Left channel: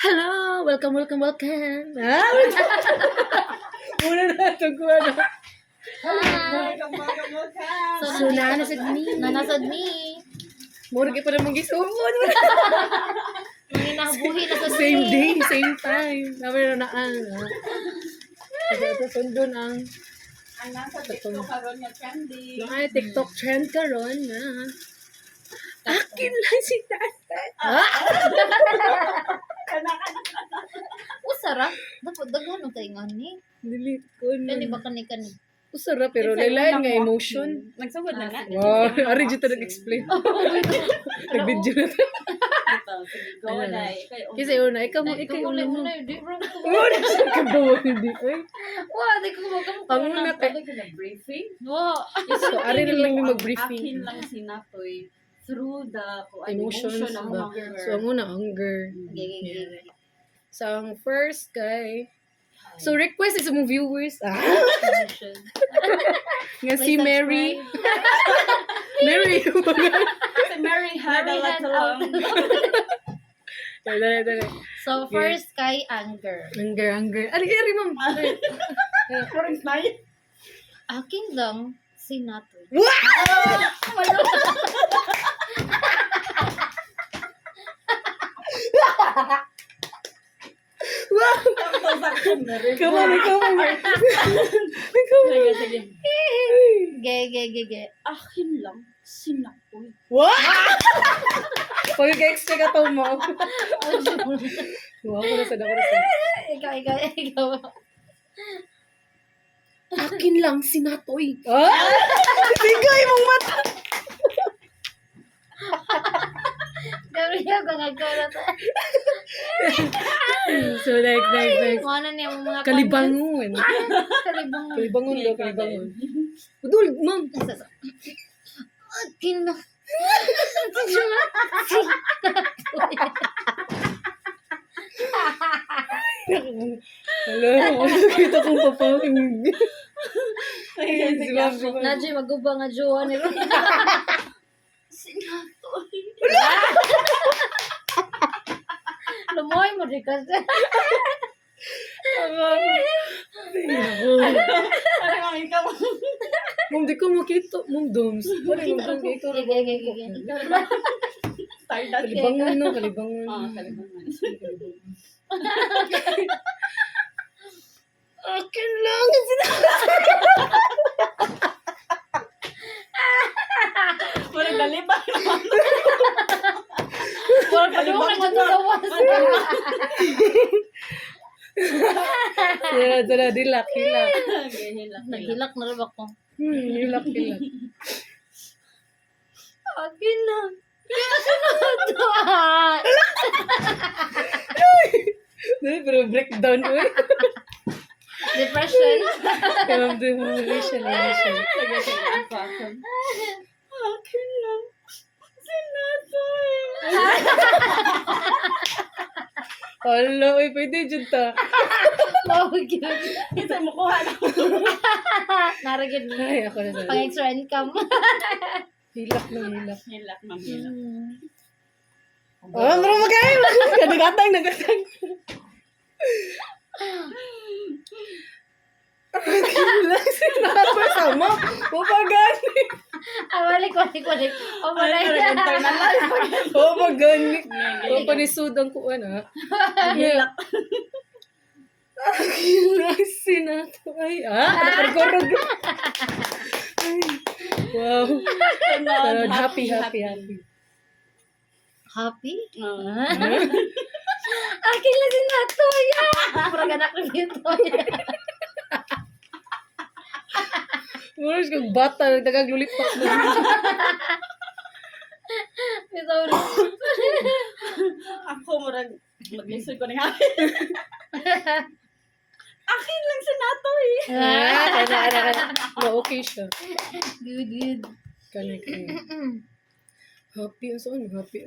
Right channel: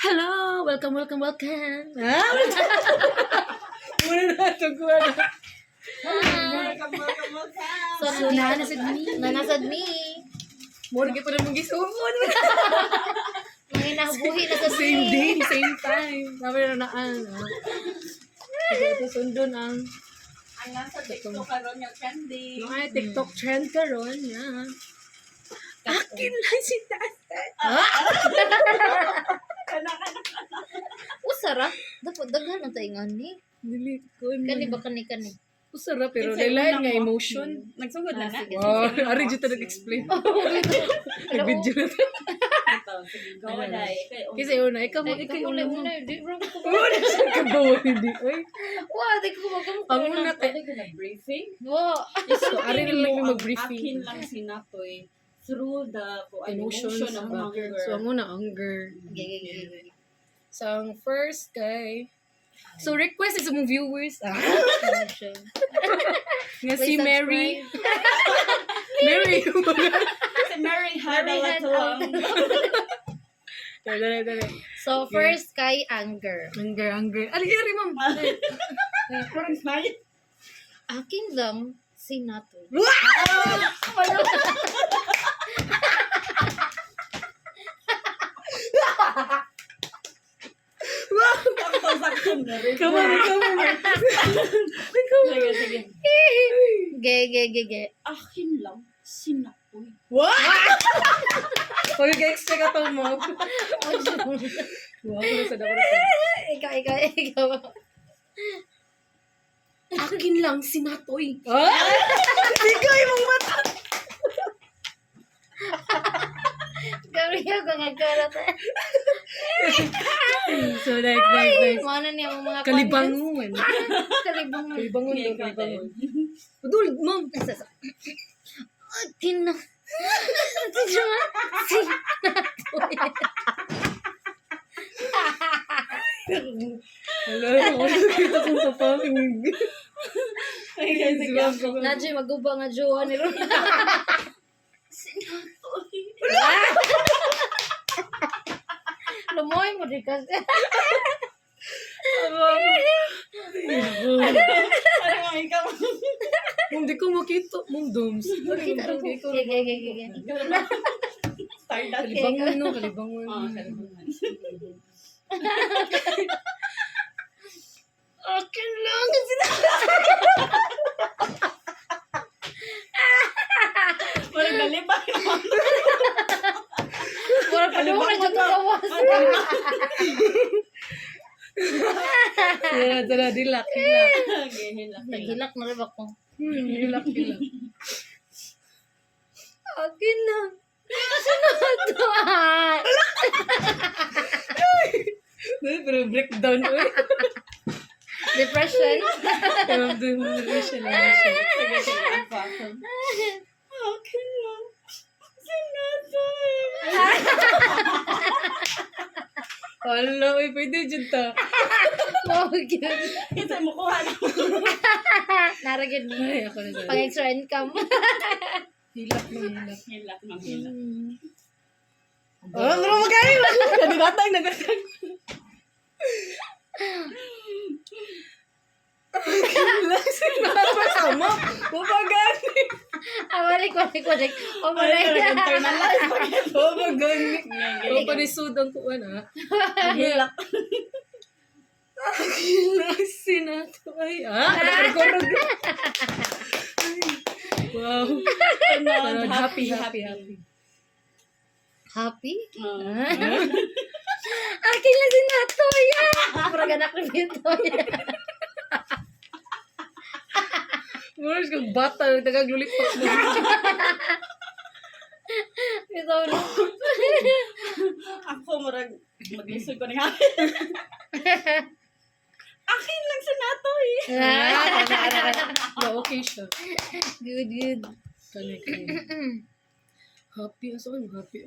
Hello! Welcome. Muna na ito ko na. Hi! So, nanasad me. Nanasad me. Murag pa namang gisumon. Mga nabuhi na sa Same day, same time. Namin na naan. Kasi ito sundon ang Ang nasa TikTok karon nga trending. mga TikTok trend karon na. Akin lang si tatay. Usara. Dapat daghan ang taingan ni. Delete ko na. Kani ba kani. Usara pero It's like lain nga unang emotion. Nagsugod na na. Wow, ari dito nag-explain. Nag-video na to. Ito, sige, go na eh. Kasi una, ikaw mo. Di bro. Una siya kabawa hindi. Ay, Wa, di ko magkamot. ang una Pwede ko na briefing. Wa. So, ari na lang yung Akin mag-briefing. lang sinatoy through the Emotions emotion of ba? hunger. So, ang una, anger. Gege. So, ang first kay... So, request sa mga viewers. Nga si Mary. Mary. Kasi Mary had a lot to learn. Dali. So, first kay anger. Anger. Ari, ma'am. Parang smile. Akin lang si Nato. Sakto na rin. Come on. Sige. Gege. Akin lang, sinatoy. What? Pag-extra ka to mo. Wow, ako na. Ikaw. Akin lang, sinatoy. Bigay mong mata. Gabriel, kung nagkalat. So, next. Mana niya ang mga Kalibangon. Kalibangon. Kalibangon Okay, daw, ikaw din. kalibangon. Udul, ma'am. Akin na. Hello, kita kong papakinig. Nadyo magubang nga jowa ni Ron. Sinatoy. Lumoy mo di kasi. Ano nga ikaw? Ma'am, di ko makita. Ma'am, doms. Gege. Stardust. Kalibangon, no? Kalibangon. Oo, kalibangan. Akin lang. Parang galibay naman. Wala pa doon Kalibang na magagawas. Tara, dilak. Gihilak. Nagilak na rin ako. Dilak. Akin lang. Pero breakdown ko. Depression. Depression. Sige, ako. Akin lang. Sinatoy. Hala, pwede dyan ta. Mawag yun. Kasi mukuha na. Naragyan mo. Ay, ako na Pang extra income. Hilak na hilak. Hilak, mamilak. Oh, naro magayon. Nagatang. Sama. Mapagani. Awalik. Ay, internalize. Mapagani. Gihilak. Mapanisud ang kuwan, ha? Hilak. Sinato. Ay, nakarigorog. Wow. Tanod, Happy. Happy? Oo. Akin lang si Natoya. Parang anak ko dito. Mura kang bata. Tagaglulipak na. Ito na. Ako, murag, maglisod ko na nga. Akin lang sinatoy. Okay siya. Good. Kani. Happy. Saan mo happy?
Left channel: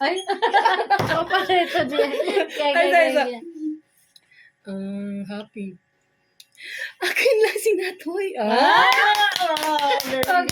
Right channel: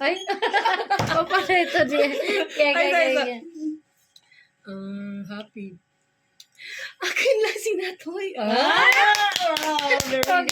Ay. Ako pa ito din. Kaya. Happy. Akin lang si Natoy. Ah! Wow, very good.